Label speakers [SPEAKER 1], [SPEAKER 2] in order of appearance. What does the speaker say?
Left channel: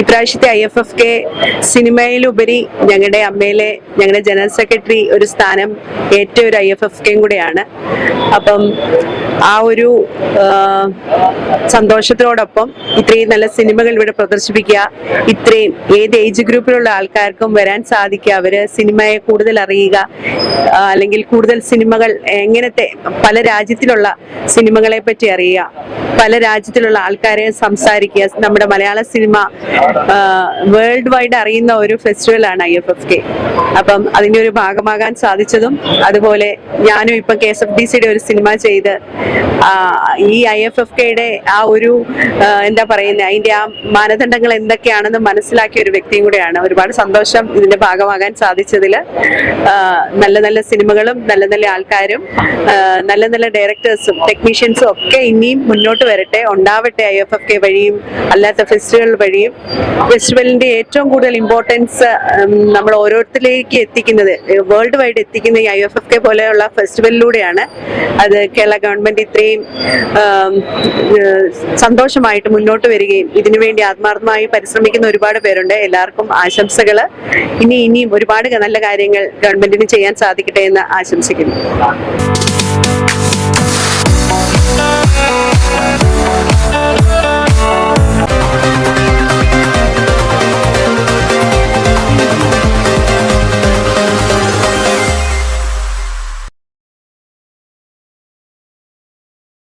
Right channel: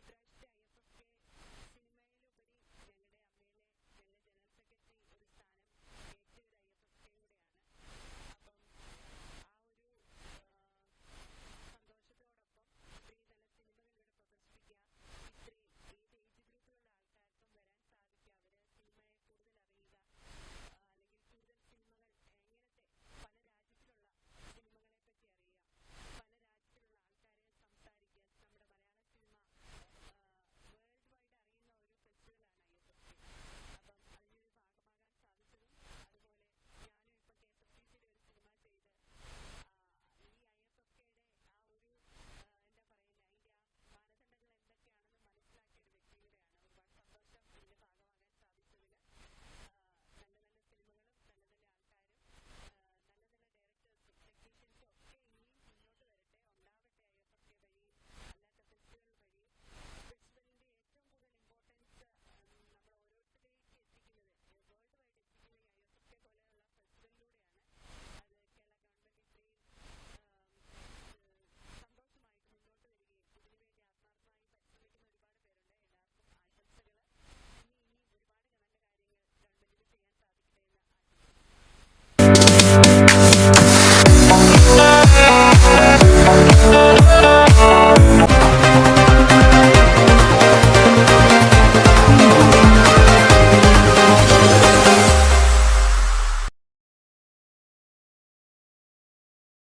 [SPEAKER 1] ഇപ്രാവശ്യത്തെ I F F K സിനിമയിലുപരി ഞങ്ങളുടെ അമ്മയിലെ ഞങ്ങളുടെ ജനറൽ സെക്രട്ടറി ഒരു സ്ഥാനം ഏറ്റവും ഒരു ഐ എഫ് എഫ് കെയും കൂടെയാണ്. അപ്പം ആ ഒരു സന്തോഷത്തോടൊപ്പം ഇത്രയും നല്ല സിനിമകൾ ഇവിടെ പ്രദർശിപ്പിക്കുക ഇത്രയും ഏത് ഏജ് ഗ്രൂപ്പിലുള്ള ആൾക്കാർക്കും വരാൻ സാധിക്കുക അവർ സിനിമയെ കൂടുതൽ അറിയുക അല്ലെങ്കിൽ കൂടുതൽ സിനിമകൾ എങ്ങനത്തെ പല രാജ്യത്തിലുള്ള സിനിമകളെ പറ്റി അറിയുക പല രാജ്യത്തിലുള്ള ആൾക്കാരെ സംസാരിക്കുക നമ്മുടെ മലയാള സിനിമ വേൾഡ് വൈഡ് അറിയുന്ന ഒരു ഫെസ്റ്റിവലാണ് ഐ എഫ് എഫ് കെ അപ്പം അതിന്റെ ഒരു ഭാഗമാകാൻ സാധിച്ചതും അതുപോലെ ഞാനും ഇപ്പൊ കെ എസ് എഫ് ഡി സിയുടെ ഒരു സിനിമ ചെയ്ത് ഈ ഐ എഫ് എഫ് കെയുടെ ആ ഒരു എന്താ പറയുന്നത് അതിന്റെ ആ മാനദണ്ഡങ്ങൾ എന്തൊക്കെയാണെന്ന് മനസ്സിലാക്കിയ ഒരു വ്യക്തിയും കൂടെയാണ്. ഒരുപാട് സന്തോഷം ഇതിന്റെ ഭാഗമാകാൻ സാധിച്ചതിൽ. നല്ല നല്ല സിനിമകളും നല്ല നല്ല ആൾക്കാരും നല്ല നല്ല ഡയറക്ടേഴ്സും ടെക്നീഷ്യൻസും ഒക്കെ ഇനിയും മുന്നോട്ട് വരട്ടെ. ഉണ്ടാവട്ടെ ഐ എഫ് എഫ് കെ വഴിയും അല്ലാത്ത ഫെസ്റ്റിവൽ വഴിയും. ഫെസ്റ്റിവലിന്റെ ഏറ്റവും കൂടുതൽ ഇമ്പോർട്ടൻസ് നമ്മൾ ഓരോരുത്തരിലേക്ക് എത്തിക്കുന്നത് വേൾഡ് വൈഡ് എത്തിക്കുന്ന ഈ ഐ എഫ് എഫ് കെ പോലെയുള്ള ഫെസ്റ്റിവലിലൂടെയാണ്. അത് കേരള ഗവൺമെന്റ് ഇത്രയും ഏഹ്, സന്തോഷമായിട്ട് മുന്നോട്ട് വരികയും ഇതിനുവേണ്ടി ആത്മാർത്ഥമായി പരിശ്രമിക്കുന്ന ഒരുപാട് പേരുണ്ട്. എല്ലാവർക്കും ആശംസകൾ ഇനി ഇനിയും ഒരുപാട് നല്ല കാര്യങ്ങൾ ഗവൺമെന്റിന് ചെയ്യാൻ സാധിക്കട്ടെ എന്ന് ആശംസിക്കുന്നു.